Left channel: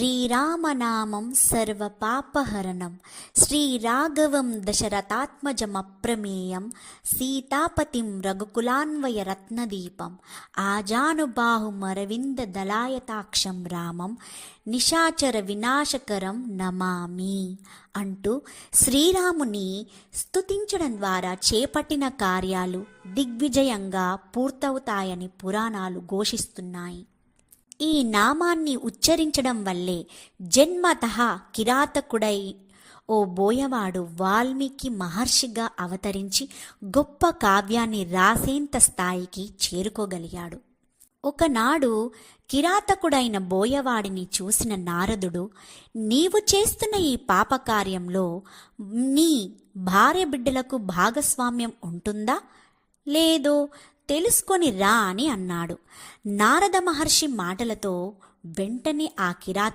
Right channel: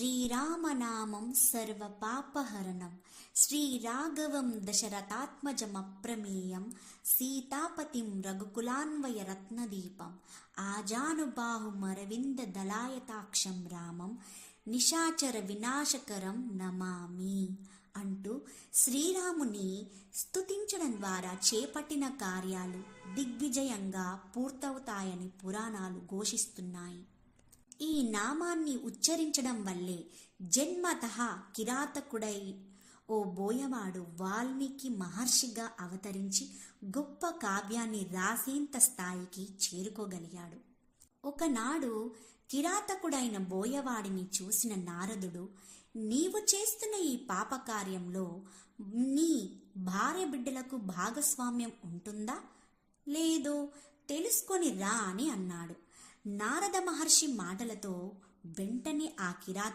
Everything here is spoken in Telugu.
శ్రీరామనామం సర్వపాపహరణం శ్రీరాఘవం దశరథాత్మజమప్రమేయం సీతాపతిం రఘుకులాన్వయ రత్నదీపం ఆజానుబాహుమరవిందదళాయతాక్షం రామం నిశాచర వినాశకరం నమామి అంటూ శ్రీరాముని స్తుతించడం ద్వారా చేపట్టిన కార్యాలు దిగ్విజయంగా పూర్తవుతాయని పురాణాలు ఘోషిస్తున్నాయి. ఈ నామాన్ని ఉచ్చరించడం వల్లే జన్మతః కిరాతకుడై ఓ బోయవాడు వాల్మీకి మహర్షిగా అవతరించి గొప్ప కావ్యాన్ని రాసేంత స్థాయికి చేరుకోగలిగాడు. ఒకనాడు కిరాతకుడైన బోయవాడిని చూసిన నారదుడు, నీవు చేస్తున్న ఈ పాపకార్యంలో నీ భార్య బిడ్డలకు భాగస్వామ్యం ఉంటుందా లేదో తెలుసుకొని రా అని అన్నాడు. నారద మహర్షి మాటలతో వెంటనే ఆ కిరాతకుడు